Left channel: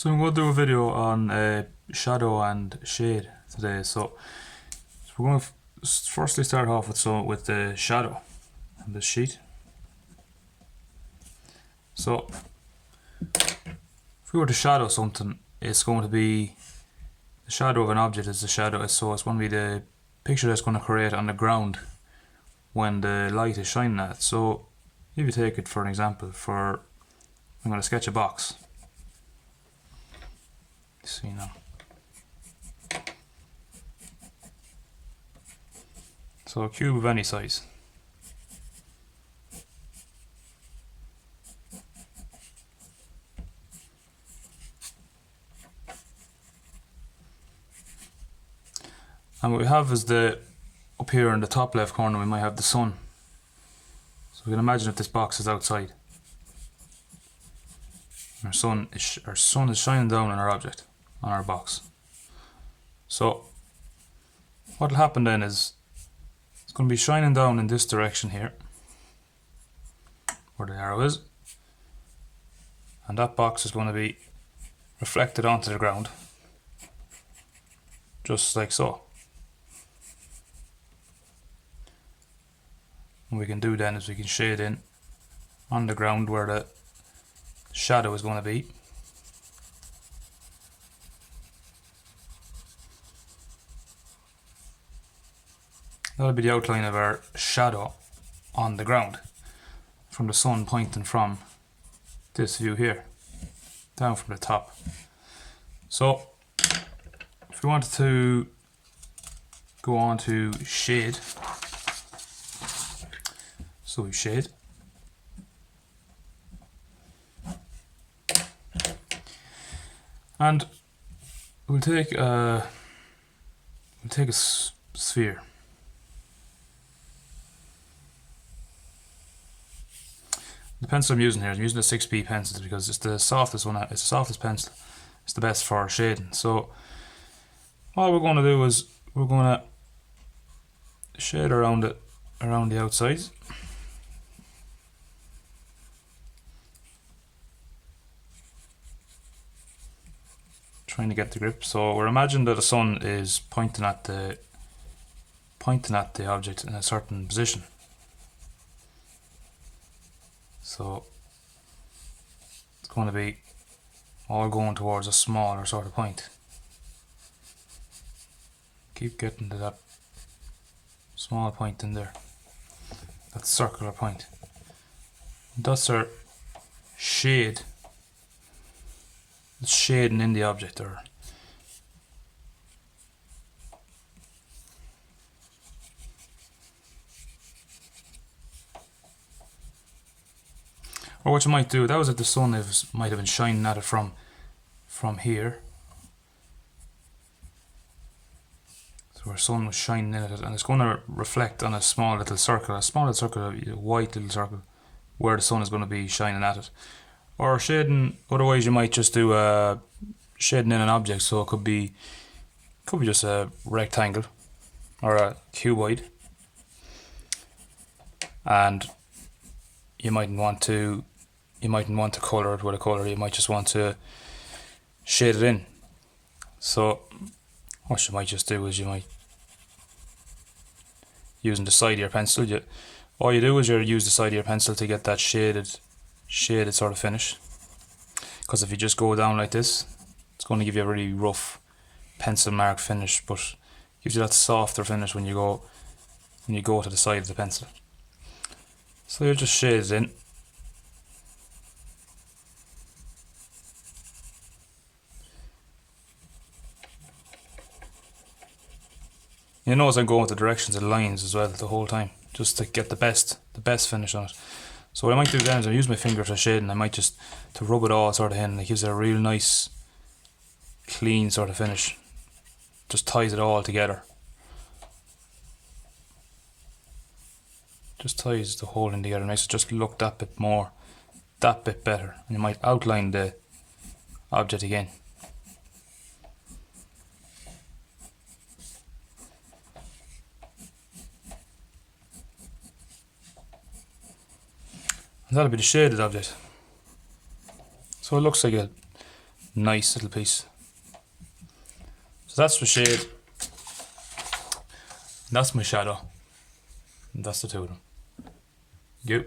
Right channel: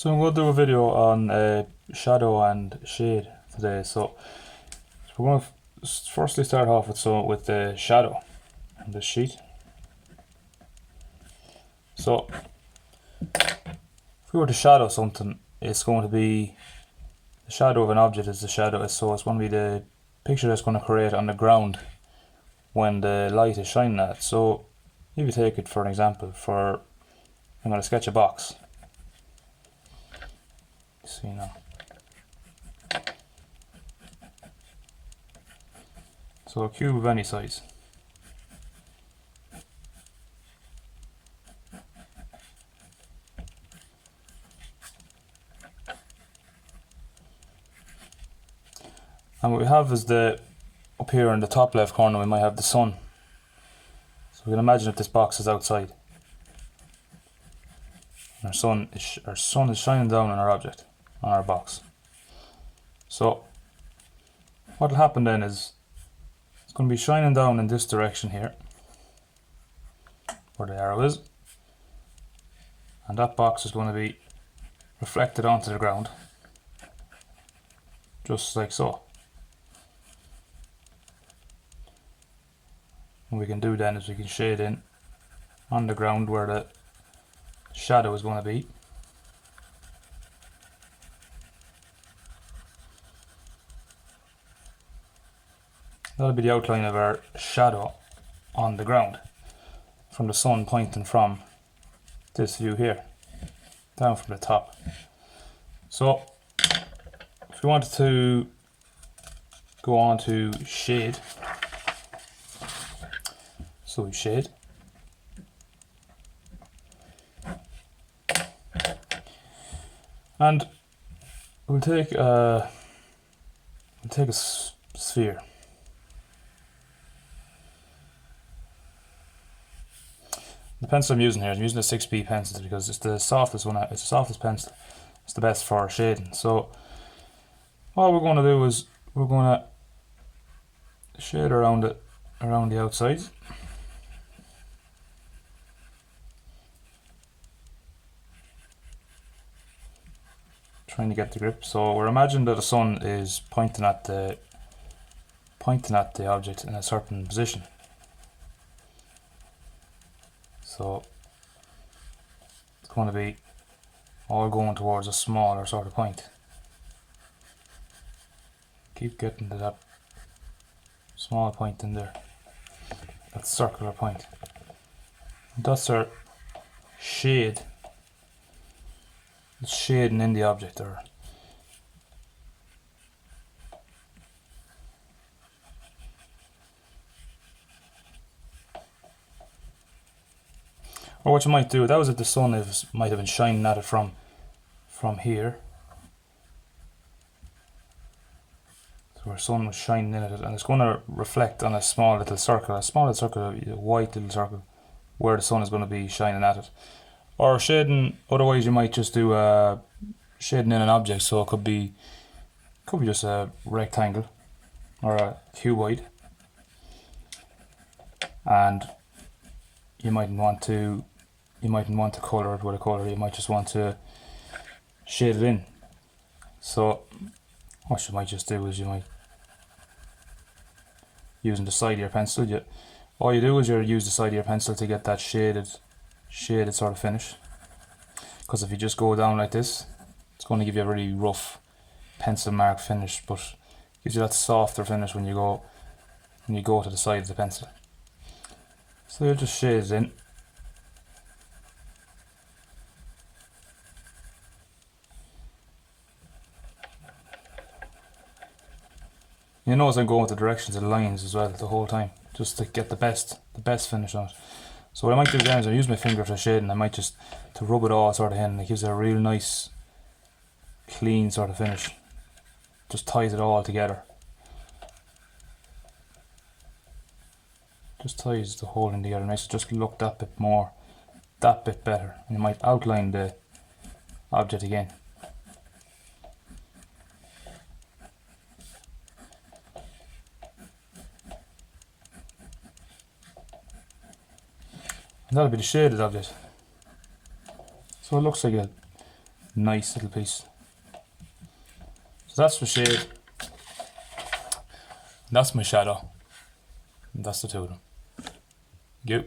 So I'm going to do a video on shadow and shade today. So we're going to firstly start off with the shadow on this sheet. So if we were to shadow something, it's going to be the shadow of an object is the shadow. So it's going to be the picture that's going to create on the ground when the light is shining at it. So if you take it for an example, I'm going to sketch a box. See now. So a cube of any size. And what we have is up here in the top left corner we might have the sun. So we can imagine if this box is outside. Our sun is shining down on our object, on our box. So what will happen then is it's going to be shining down in this direction here, where the arrow is, and that box is going to be reflected onto the ground, just like so. What we can do then is we can shade in on the ground where the shadow is going to be. That'll be the outline of our shadow on the ground from the sun pointing from this view here down from the top. So if we wanted to go on to shade, so we shade. And we'll take a sphere. The pencil I'm using here, I'm using a 6B pencil because it's the softest one. It's the softest pencil. It's the best for shading. So all we're going to do is we're going to shade around the outsides. Trying to get the grip. So we're imagining that the sun is pointing at the object in a certain position. So it's going to be all going towards a smaller sort of point. Keep getting to that small point in there, that circular point. That's our shade. It's shading in the object, or what you might do, that was if the sun might have been shining at it from here. So our sun was shining in at it, and it's going to reflect on a small little circle, a white little circle, where the sun is going to be shining at it. Or shading, otherwise you might just do shading in an object, so it could be just a rectangle or a cuboid, and you mightn't want to colour it with a colour. You might just want to shade it in. So what you might just do is you might, using the side of your pencil, all you do is you use the side of your pencil to get that shaded sort of finish. Because if you just go down like this, it's going to give you a really rough pencil mark finish, but gives you that softer finish when you go to the side of the pencil. So you'll just shade it in. You notice I'm going with the directions of the lines as well the whole time, just to get the best finish on it. So what I might do then is I use my finger to shade, and I might just to rub it all sort of in, and it gives it a real nice clean sort of finish. Just ties it all together. Just ties the whole in together, makes it just look that bit better. And you might outline the object again. And that'll be the shaded object. So it looks like a Nice little piece. So that's the shade. That's my shadow. And that's the two of them. Go.